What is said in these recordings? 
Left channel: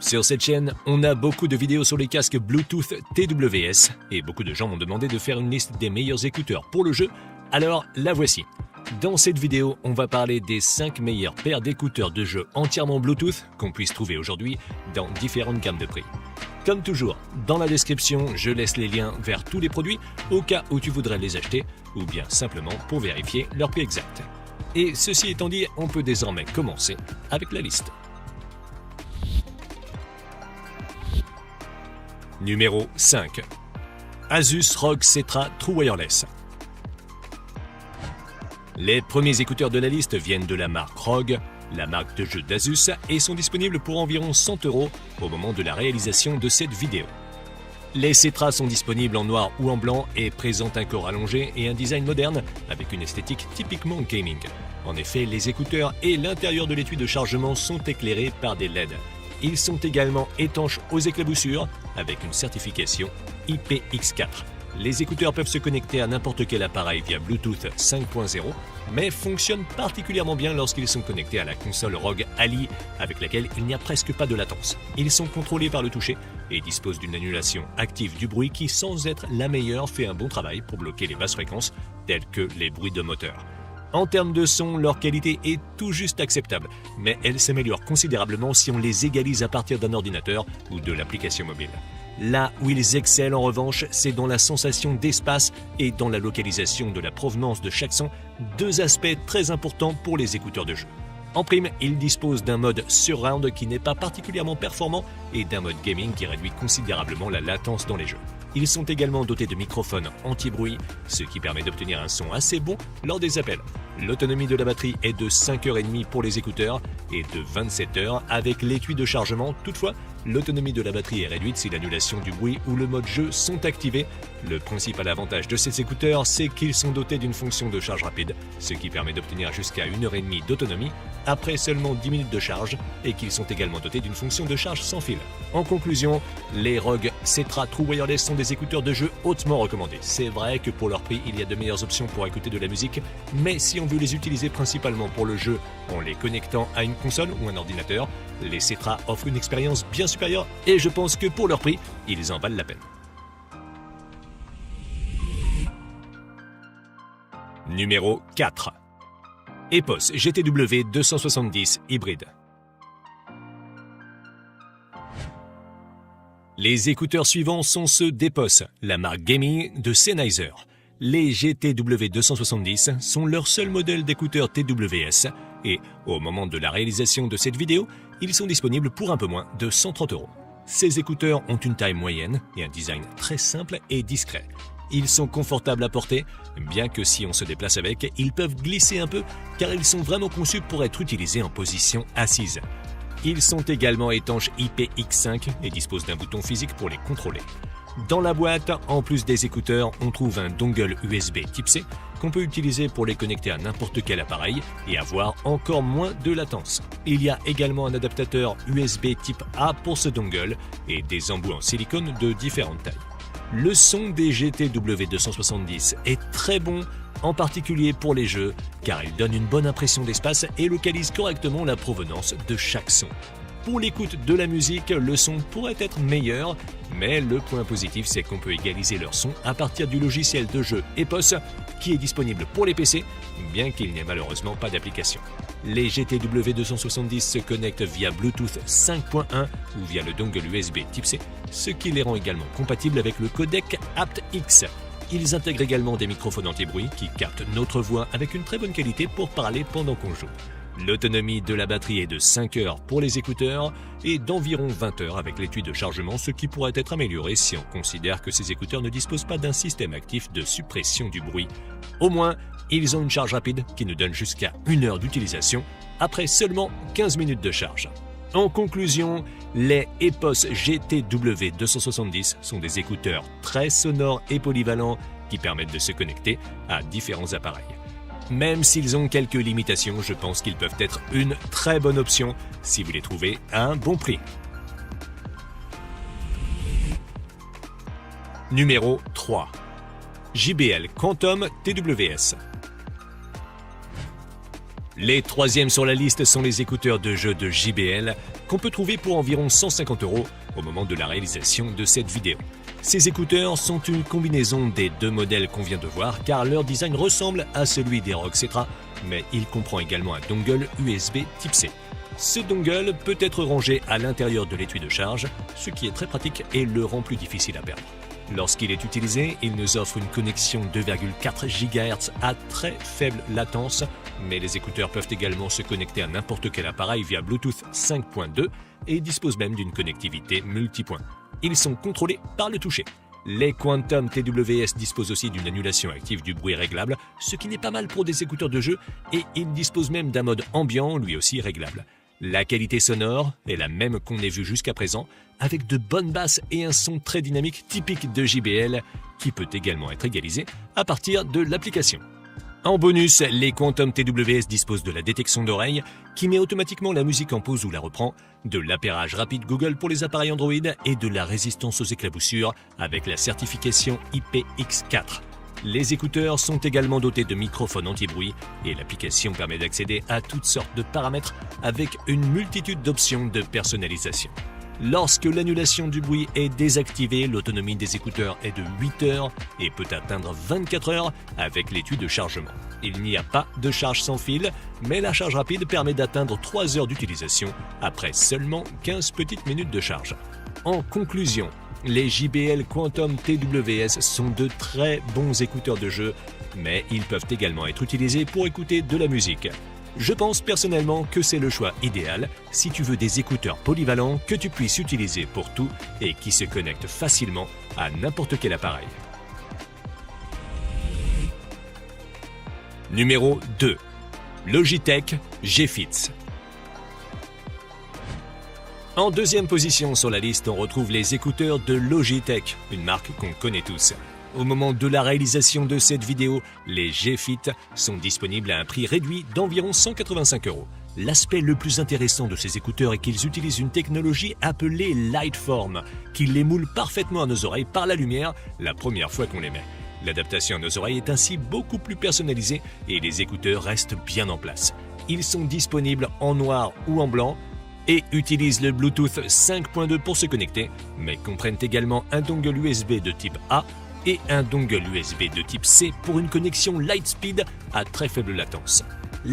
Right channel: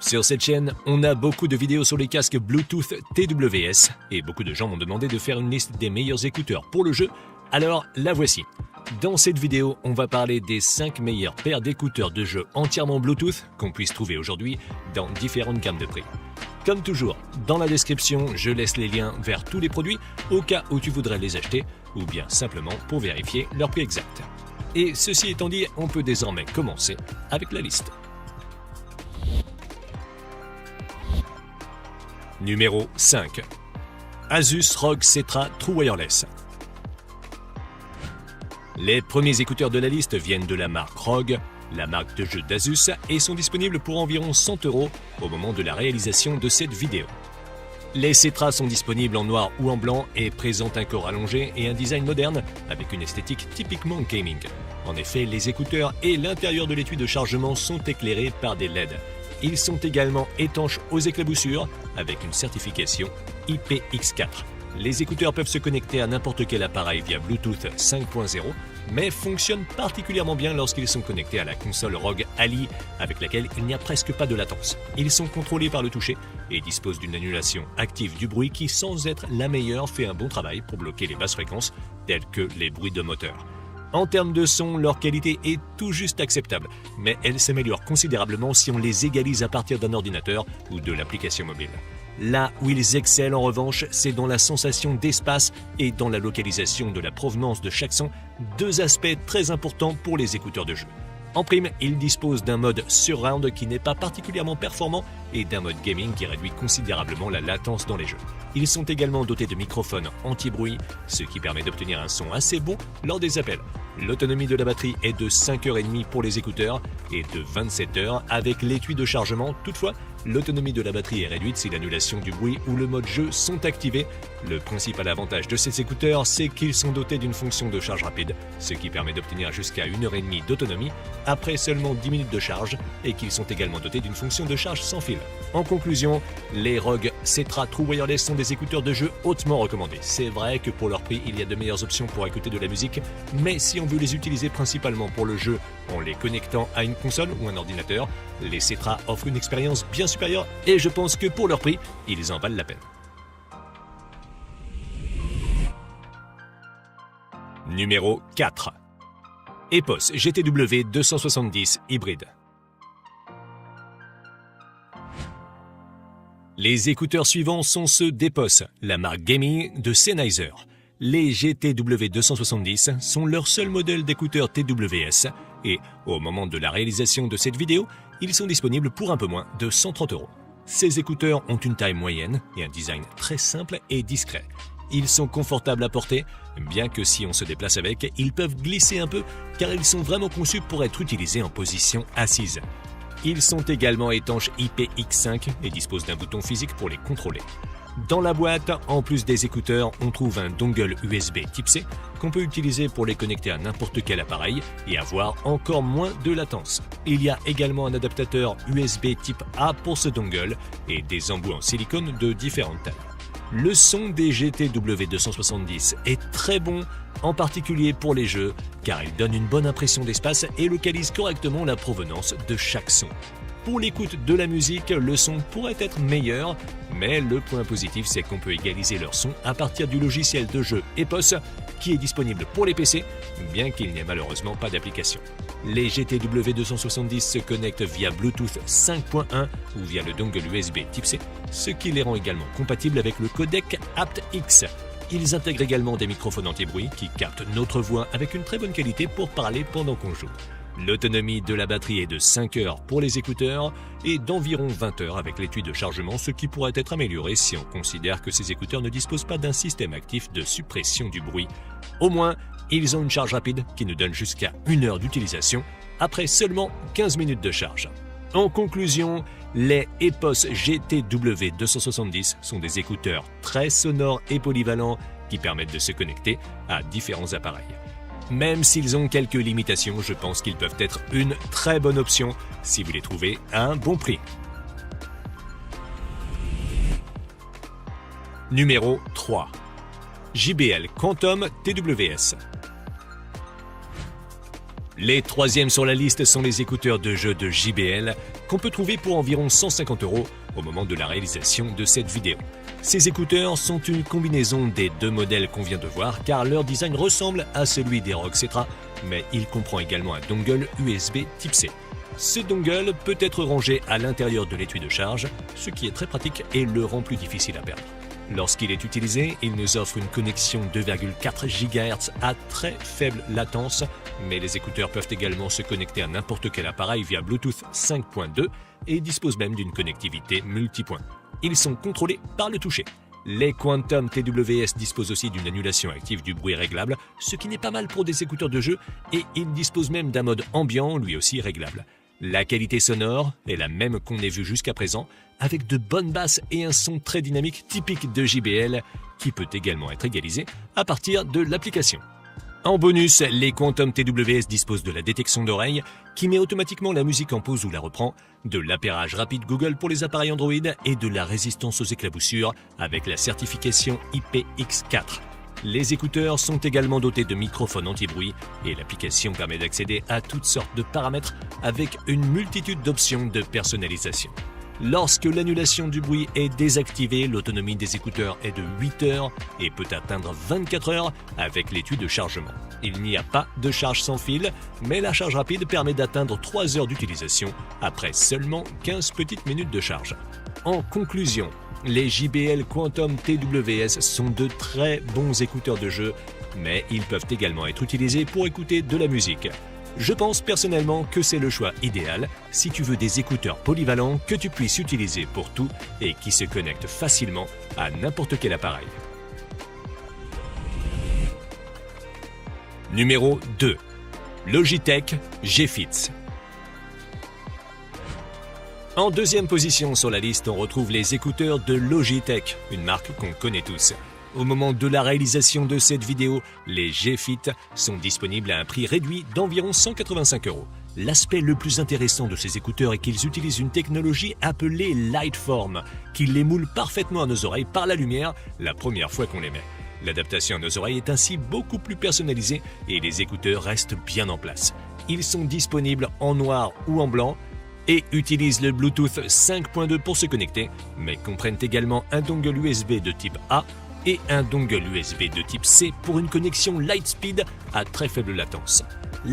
Sur cette chaîne, on a beaucoup de vidéos sur les casques Bluetooth TWS et beaucoup de gens m'ont demandé de faire une liste des meilleurs écouteurs pour le jeu, alors la voici. Dans cette vidéo, on va parler des 5 meilleures paires d'écouteurs de jeu entièrement Bluetooth qu'on puisse trouver aujourd'hui dans différentes gammes de prix. Comme toujours, dans la description, je laisse les liens vers tous les produits au cas où tu voudrais les acheter ou bien simplement pour vérifier leur prix exact. Et ceci étant dit, on peut désormais commencer avec la liste. Numéro 5. Asus ROG Cetra True Wireless. Les premiers écouteurs de la liste viennent de la marque ROG, la marque de jeu d'Asus, et sont disponibles pour environ 100 € pour la réalisation de cette vidéo. Les Cetra sont disponibles en noir ou en blanc et pièces d'accord allongées et un design moderne avec une esthétique typiquement gaming. En effet, les écouteurs et l'intérieur de l'étui de chargement sont éclairés par des LED. Ils sont également étanches aux éclaboussures avec une certification IPX4. Les écouteurs peuvent se connecter à n'importe quel appareil via Bluetooth 5.0, mais fonctionnent particulièrement bien lorsqu'ils sont connectés à la console ROG Ally, avec laquelle il n'y a presque pas de latence. Ils sont contrôlés par le toucher et disposent d'une annulation active du bruit qui, sans être la meilleure, fait un bon travail pour bloquer les basses fréquences, telles que les bruits de moteur. En termes de son, leur qualité est tout juste acceptable, mais elle s'améliore considérablement si on les égalise à partir d'un ordinateur ou de l'application mobile. Là où ils excellent en revanche, c'est dans la sensation d'espace et dans la localisation de la provenance de chaque son, deux aspects très importants pour les écouteurs de jeu. En prime, ils disposent d'un mode surround qui n'est pas particulièrement performant et d'un mode gaming qui réduit considérablement la latence dans les jeux. Ils sont également dotés de microphones anti-bruit, ce qui permet d'obtenir un son assez bon lors des appels. L'autonomie de la batterie est de 5h30 pour les écouteurs et de 27 heures avec l'étui de chargement. Toutefois, l'autonomie de la batterie est réduite si l'annulation du bruit ou le mode jeu sont activés. Le principal avantage de ces écouteurs, c'est qu'ils sont dotés d'une fonction de charge rapide, ce qui permet d'obtenir jusqu'à 1h30 d'autonomie après seulement 10 minutes de charge et qu'ils sont également dotés d'une fonction de charge sans fil. En conclusion, les ROG Cetra True Wireless sont des écouteurs de jeu hautement recommandés. C'est vrai que pour leur prix, il y a de meilleures options pour écouter de la musique, mais si on veut les utiliser principalement pour le jeu en les connectant à une console ou un ordinateur, les Cetra offrent une expérience bien supérieure et je pense que pour leur prix, ils en valent la peine. Numéro 4. EPOS GTW 270 hybride. Les écouteurs suivants sont ceux d'EPOS, la marque gaming de Sennheiser. Les GTW 270 sont leur seul modèle d'écouteurs TWS et, au moment de la réalisation de cette vidéo, ils sont disponibles pour un peu moins de 130 €. Ces écouteurs ont une taille moyenne et un design très simple et discret. Ils sont confortables à porter, bien que si on se déplace avec, ils peuvent glisser un peu car ils sont vraiment conçus pour être utilisés en position assise. Ils sont également étanches IPX5 et disposent d'un bouton physique pour les contrôler. Dans la boîte, en plus des écouteurs, on trouve un dongle USB Type C qu'on peut utiliser pour les connecter à n'importe quel appareil et avoir encore moins de latence. Il y a également un adaptateur USB Type A pour ce dongle et des embouts en silicone de différentes tailles. Le son des GTW 270 est très bon, en particulier pour les jeux, car il donne une bonne impression d'espace et localise correctement la provenance de chaque son. Pour l'écoute de la musique, le son pourrait être meilleur, mais le point positif, c'est qu'on peut égaliser leur son à partir du logiciel de jeu EPOS, qui est disponible pour les PC, bien qu'il n'y ait malheureusement pas d'application. Les GTW 270 se connectent via Bluetooth 5.1 ou via le dongle USB Type C, ce qui les rend également compatibles avec le codec aptX. Ils intègrent également des microphones anti-bruit qui captent notre voix avec une très bonne qualité pour parler pendant qu'on joue. L'autonomie de la batterie est de 5 heures pour les écouteurs et d'environ 20 heures avec l'étui de chargement, ce qui pourrait être amélioré si on considère que ces écouteurs ne disposent pas d'un système actif de suppression du bruit. Au moins, ils ont une charge rapide qui nous donne jusqu'à 1 heure d'utilisation après seulement 15 minutes de charge. En conclusion, les EPOS GTW 270 sont des écouteurs très sonores et polyvalents qui permettent de se connecter à différents appareils. Même s'ils ont quelques limitations, je pense qu'ils peuvent être une très bonne option si vous les trouvez à un bon prix. Numéro 3. JBL Quantum TWS. Les troisièmes sur la liste sont les écouteurs de jeu de JBL qu'on peut trouver pour environ 150 € au moment de la réalisation de cette vidéo. Ces écouteurs sont une combinaison des deux modèles qu'on vient de voir car leur design ressemble à celui des ROG Cetra, mais il comprend également un dongle USB Type C. Ce dongle peut être rangé à l'intérieur de l'étui de charge, ce qui est très pratique et le rend plus difficile à perdre. Lorsqu'il est utilisé, il nous offre une connexion 2,4 GHz à très faible latence, mais les écouteurs peuvent également se connecter à n'importe quel appareil via Bluetooth 5.2 et disposent même d'une connectivité multipoint. Ils sont contrôlés par le toucher. Les Quantum TWS disposent aussi d'une annulation active du bruit réglable, ce qui n'est pas mal pour des écouteurs de jeu, et ils disposent même d'un mode ambiant, lui aussi réglable. La qualité sonore est la même qu'on ait vu jusqu'à présent, avec de bonnes basses et un son très dynamique typique de JBL, qui peut également être égalisé à partir de l'application. En bonus, les Quantum TWS disposent de la détection d'oreille, qui met automatiquement la musique en pause ou la reprend, de l'appairage rapide Google pour les appareils Android et de la résistance aux éclaboussures avec la certification IPX4. Les écouteurs sont également dotés de microphones anti-bruit et l'application permet d'accéder à toutes sortes de paramètres avec une multitude d'options de personnalisation. Lorsque l'annulation du bruit est désactivée, l'autonomie des écouteurs est de 8 heures et peut atteindre 24 heures avec l'étui de chargement. Il n'y a pas de charge sans fil, mais la charge rapide permet d'atteindre 3 heures d'utilisation après seulement 15 petites minutes de charge. En conclusion, les JBL Quantum TWS sont de très bons écouteurs de jeu, mais ils peuvent également être utilisés pour écouter de la musique. Je pense personnellement que c'est le choix idéal si tu veux des écouteurs polyvalents que tu puisses utiliser pour tout et qui se connectent facilement à n'importe quel appareil. Numéro 2. Logitech G-Fits. En deuxième position sur la liste, on retrouve les écouteurs de Logitech, une marque qu'on connaît tous. Au moment de la réalisation de cette vidéo, les G-Fit sont disponibles à un prix réduit d'environ 185 €. L'aspect le plus intéressant de ces écouteurs est qu'ils utilisent une technologie appelée Lightform, qui les moule parfaitement à nos oreilles par la lumière la première fois qu'on les met. L'adaptation à nos oreilles est ainsi beaucoup plus personnalisée et les écouteurs restent bien en place. Ils sont disponibles en noir ou en blanc et utilisent le Bluetooth 5.2 pour se connecter, mais comprennent également un dongle USB de type A et un dongle USB de type C pour une connexion Lightspeed à très faible latence.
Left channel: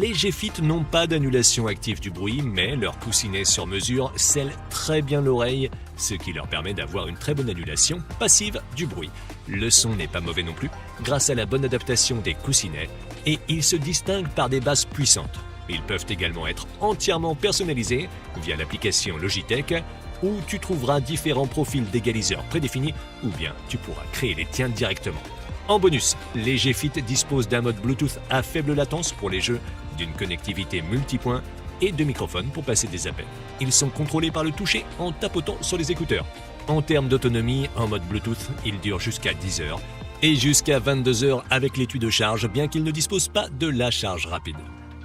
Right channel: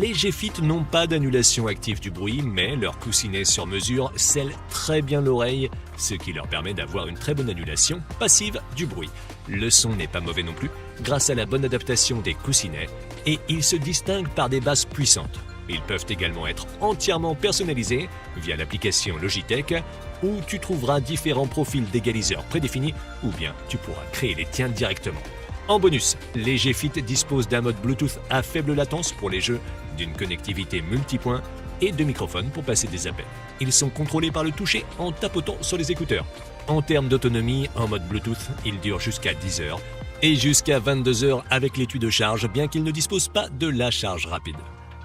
Les G-Fit n'ont pas d'annulation active du bruit, mais leur coussinet sur mesure scelle très bien l'oreille, ce qui leur permet d'avoir une très bonne annulation passive du bruit. Le son n'est pas mauvais non plus, grâce à la bonne adaptation des coussinets, et ils se distinguent par des basses puissantes. Ils peuvent également être entièrement personnalisés via l'application Logitech, où tu trouveras différents profils d'égaliseurs prédéfinis, ou bien tu pourras créer les tiens directement. En bonus, les G-Fit disposent d'un mode Bluetooth à faible latence pour les jeux, d'une connectivité multipoint et de microphones pour passer des appels. Ils sont contrôlés par le toucher en tapotant sur les écouteurs. En termes d'autonomie, en mode Bluetooth, ils durent jusqu'à 10 heures et jusqu'à 22 heures avec l'étui de charge, bien qu'ils ne disposent pas de la charge rapide.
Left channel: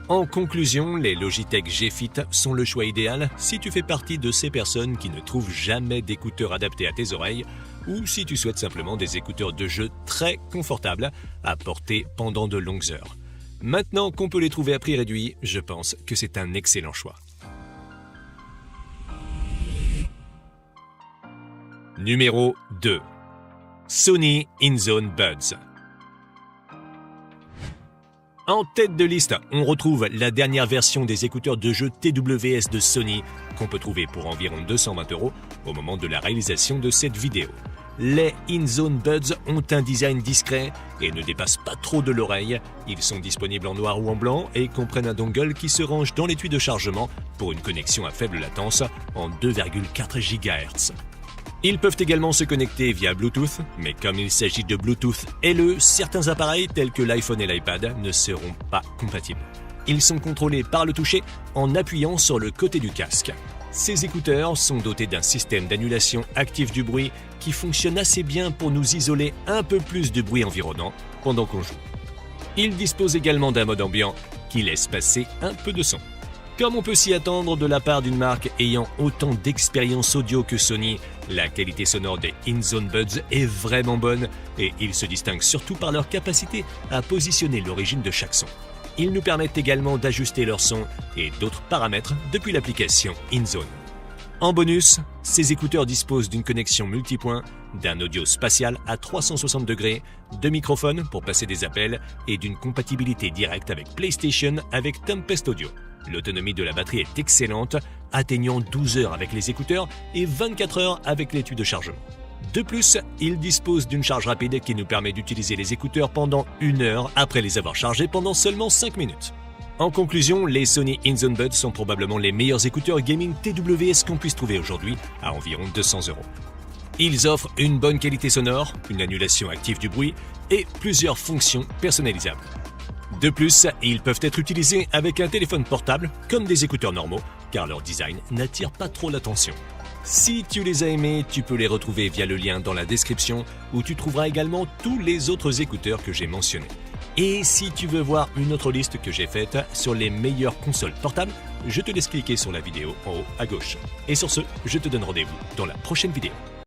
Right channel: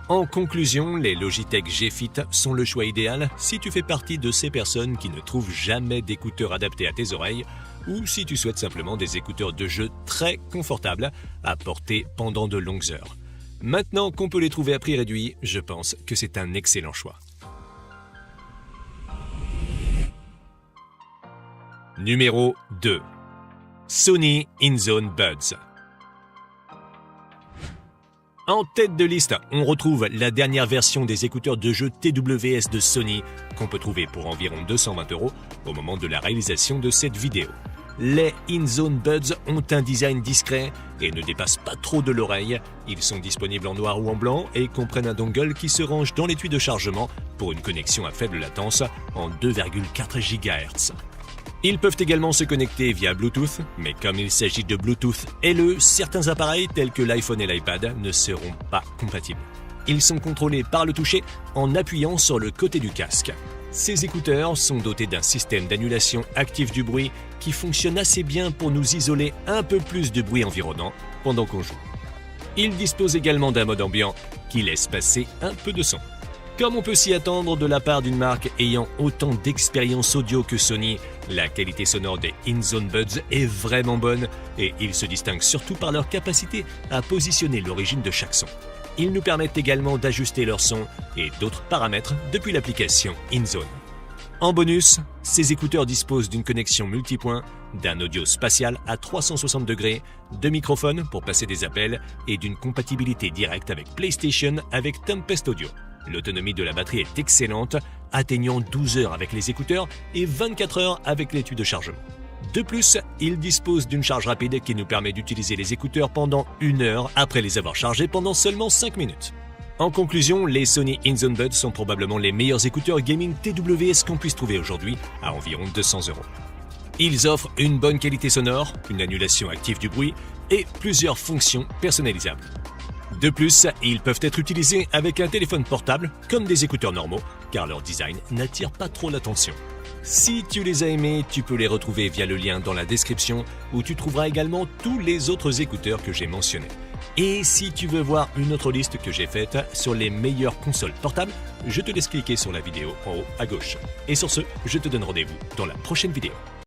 En conclusion, les Logitech G-Fit sont le choix idéal si tu fais partie de ces personnes qui ne trouvent jamais d'écouteurs adaptés à tes oreilles ou si tu souhaites simplement des écouteurs de jeu très confortables à porter pendant de longues heures. Maintenant qu'on peut les trouver à prix réduit, je pense que c'est un excellent choix. Numéro 2. Sony InZone Buds. En tête de liste, on retrouve la dernière version des écouteurs de jeu TWS de Sony qu'on peut trouver pour environ 220 € au moment de la réalisation de cette vidéo. Les InZone Buds ont un design discret et ne dépassent pas trop de l'oreille. Ils sont disponibles en noir ou en blanc et comprennent un dongle qui se range dans l'étui de chargement pour une connexion à faible latence en 2,4 GHz. Ils peuvent également se connecter via Bluetooth, mais comme il s'agit de Bluetooth haineux, certains appareils tels que l'iPhone et l'iPad ne seront pas compatibles. Ils sont contrôlés par le toucher en appuyant sur le côté du casque. Ces écouteurs sont dotés d'un système d'annulation active du bruit qui fonctionne assez bien pour nous isoler un peu plus du bruit environnant pendant qu'on joue. Ils disposent également d'un mode ambiant qui laisse passer un peu de son. Comme on peut s'y attendre de la part d'une marque ayant autant d'expérience audio que Sony, la qualité sonore des InZone Buds est vraiment bonne et ils se distinguent surtout par leur capacité à positionner l'origine de chaque son. Ils nous permettent également d'ajuster leur son et d'autres paramètres depuis l'application InZone. En bonus, ces écouteurs disposent d'une connexion multipoint, d'un audio spatial à 360 degrés, de microphones pour passer des appels et d'une compatibilité directe avec PlayStation avec Tempest Audio. L'autonomie de la batterie est excellente, atteignant 12 heures avec les écouteurs et 24 heures avec l'étui de chargement. De plus, il dispose d'une charge rapide qui nous permet d'utiliser les écouteurs pendant 1 heure après les avoir chargés pendant seulement 5 minutes. En conclusion, les Sony InZone Buds sont probablement les meilleurs écouteurs gaming TWS qu'on puisse trouver aujourd'hui à environ 200 €. Ils offrent une bonne qualité sonore, une annulation active du bruit et plusieurs fonctions personnalisables. De plus, ils peuvent être utilisés avec un téléphone portable comme des écouteurs normaux car leur design n'attire pas trop l'attention. Si tu les as aimés, tu peux les retrouver via le lien dans la description où tu trouveras également tous les autres écouteurs que j'ai mentionnés. Et si tu veux voir une autre liste que j'ai faite sur les meilleures consoles portables, je te laisse cliquer sur la vidéo en haut à gauche. Et sur ce, je te donne rendez-vous dans la prochaine vidéo.